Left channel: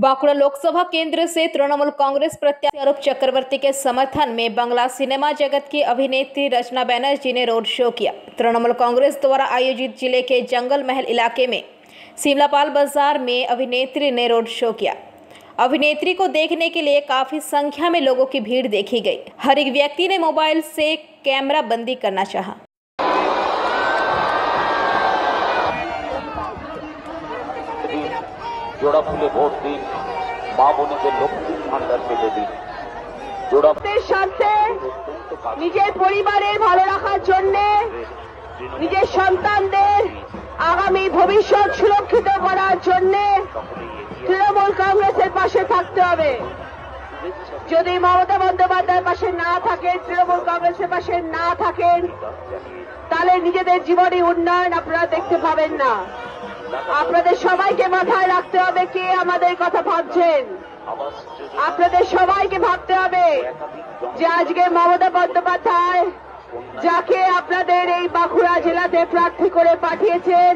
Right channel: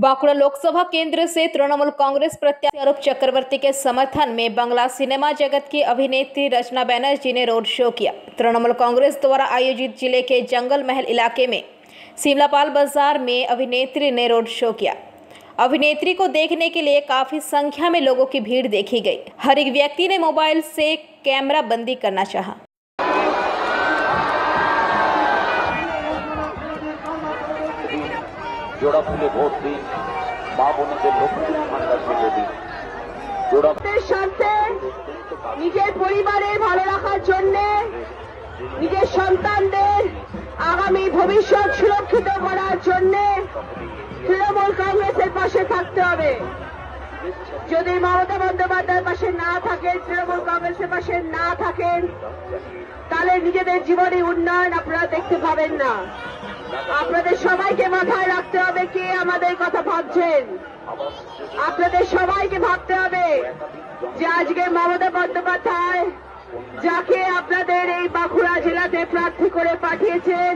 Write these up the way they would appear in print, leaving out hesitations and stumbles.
बांकुड़ा लोकसभा केंद्र से तृणमूल कांग्रेस प्रत्याशी अरूप चक्रवर्ती के समर्थन में बंगला सिनेमा जगत की अभिनेत्री रचना बनर्जी ने रोड शो किया। तृणमूल कांग्रेस द्वारा आयोजित जिले के जंगल महल इलाके में सिमलापाल बाजार में अभिनेत्री ने रोड शो किया। अभिनेत्री को देखने के लिए काफी संख्या में लोगों की भीड़ देखी गई। हर एक व्यक्ति ने मोबाइल से कैमरा बंदी करना चाहा। जोड़ा फुले भोट दिन মা বোনদের লক্ষ্মীর ভান্ডার থেকে দিন। জোড়াদের স্বার্থে নিজের পরিবারের ভালো রাখার জন্য নিজের সন্তানদের আগামী ভবিষ্যৎ সুরক্ষিত করার জন্য তৃণমূল কংগ্রেসের পাশে থাকতে হবে। যদি মমতা বন্দ্যোপাধ্যায়ের পাশে না থাকেন, তৃণমূল কংগ্রেসের পাশে না থাকেন, তাহলে নিজেদের জীবনে উন্নয়ন আপনারা দেখতে পাবেন না। আপনাদের সবাইকে মাথায় রাখতে হবে কে আমাদের কথা ভাবছেন। আপনাদের সবাইকে ভাবতে হবে যে আজকে মমতা বন্দ্যোপাধ্যায় যাকে আপনাদের এই বাঁকুড়া জেলাতে প্রার্থী করে পাঠিয়েছেন,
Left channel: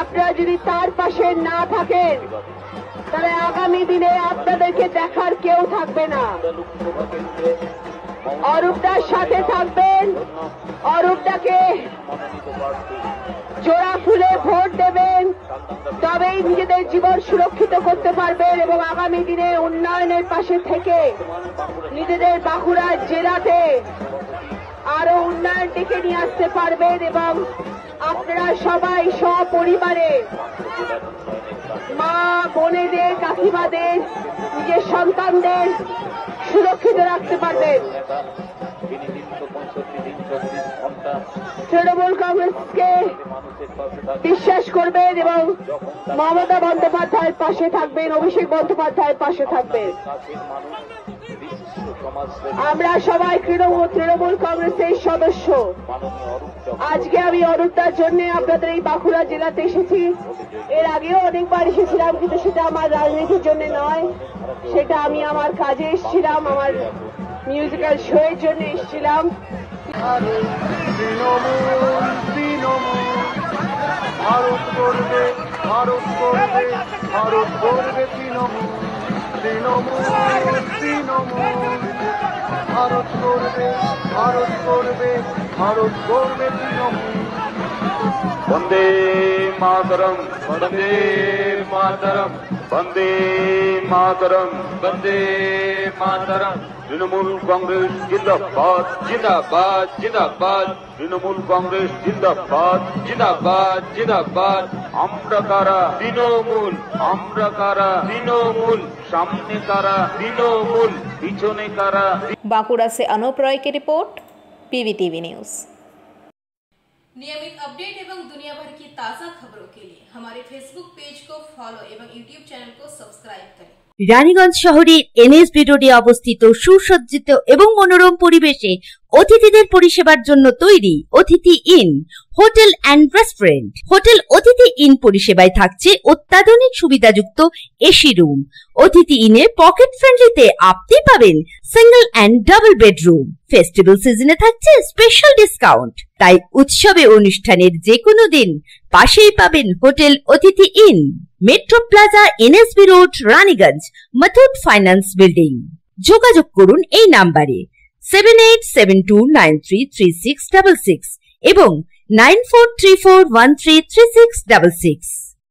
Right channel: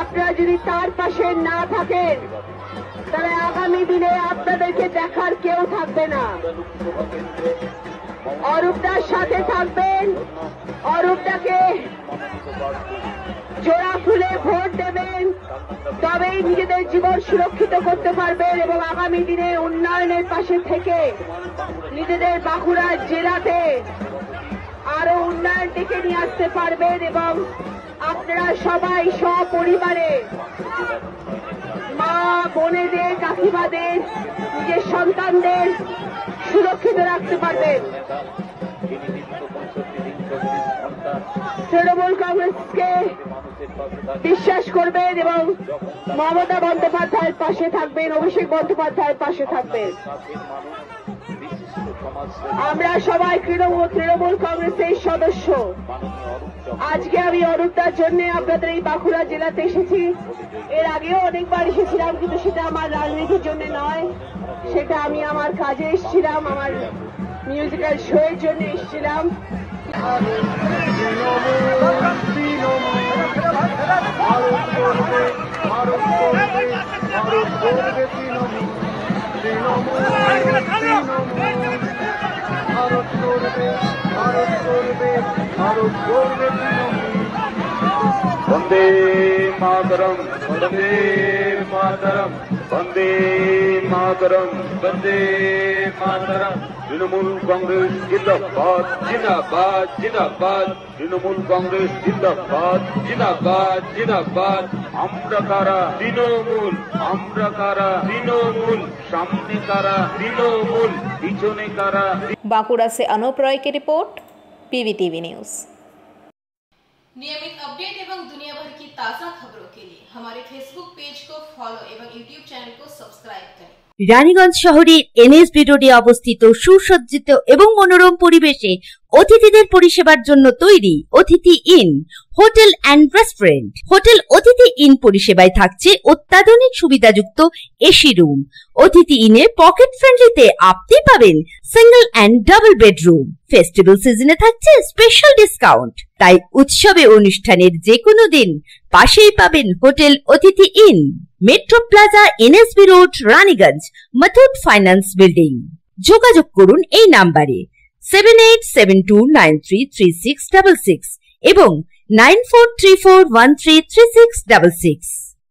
আপনারা যদি তার পাশে না থাকেন তাহলে আগামী দিনে আপনাদেরকে দেখার কেউ থাকবে না। অরূপদার সাথে থাকবেন, অরূপদাকে জোড়া ফুলে ভোট দেবেন, তবেই নিজেদের জীবন সুরক্ষিত করতে পারবেন এবং আগামী দিনে উন্নয়নের পাশে থেকে নিজেদের বাঁকুড়া জেলাতে আরো উন্নয়ন ডেকে নিয়ে আসতে পারবেন এবং আপনারা সবাই সপরিবারে মা বোনেদের কাকিমাদের নিজের সন্তানদের সুরক্ষিত রাখতে পারবেন। তৃণমূল কংগ্রেসকে বিশ্বাস করবেন এবং মমতা বন্দ্যোপাধ্যায়ের পাশে থাকবেন, অভিষেক বন্দ্যোপাধ্যায়ের পাশে থাকবেন। আমরা সবাই তৃণমূল কংগ্রেসের সদস্য। আজকে আমি অরূপদার জন্য আপনাদের এই বাঁকুড়া জেলাতে এসেছি। এর আগেও অনেকবার এসেছিলাম, কিন্তু সেটা আমার রাজনীতির জন্য নয়, সেটা আমি আমার কাজে এসেছিলাম, আমার মিউজিক্যাল শো এর জন্য এসেছিলাম। वंदे मातरम, वंदे मातरम, वंदे मातरम, वंदे मातरम। तृणमूल कांग्रेस जिंदाबाद, जिंदाबाद, जिंदाबाद। तृणमूल कांग्रेस जिंदाबाद, जिंदाबाद, जिंदाबाद। আমরা কারা তৃণমূল, আমরা কারা তৃণমূল, সামনে কারা তৃণমূল, পিছনে কারা। बांकुड़ा से अनूप रॉय की रिपोर्ट, PVTV न्यूज। नियमित अपडेट एवं दुनिया भर की ताज़ा खबरों के लिए हमारे फेसबुक पेज को फॉलो एवं यूट्यूब चैनल को सब्सक्राइब करें। রানীগঞ্জ শহরের NSB রোডে অবস্থিত সুসজ্জিত এবং মনোরম পরিবেশে অতিথিদের পরিষেবার জন্য তৈরি অতিথি in hotel and restaurant. Hotel অতিথি ইন পরিষেবায় থাকছে অত্যাধুনিক সুবিধাযুক্ত এসি রুম। অতিথি ইনে পকেট ফ্রেন্ডলিতে আপনি পাবেন single and double bedroom. Festival সিজনে থাকছে স্পেশাল ডিসকাউন্ট। তাই উৎসবে অনুষ্ঠানের যে কোনো দিন পাশেই পাবেন হোটেল অতিথি in, metro plaza, NSB road, Raniganj, Muthoot finance building. যোগাযোগ করুন এই নাম্বারে 7872933666 এবং 9434133666।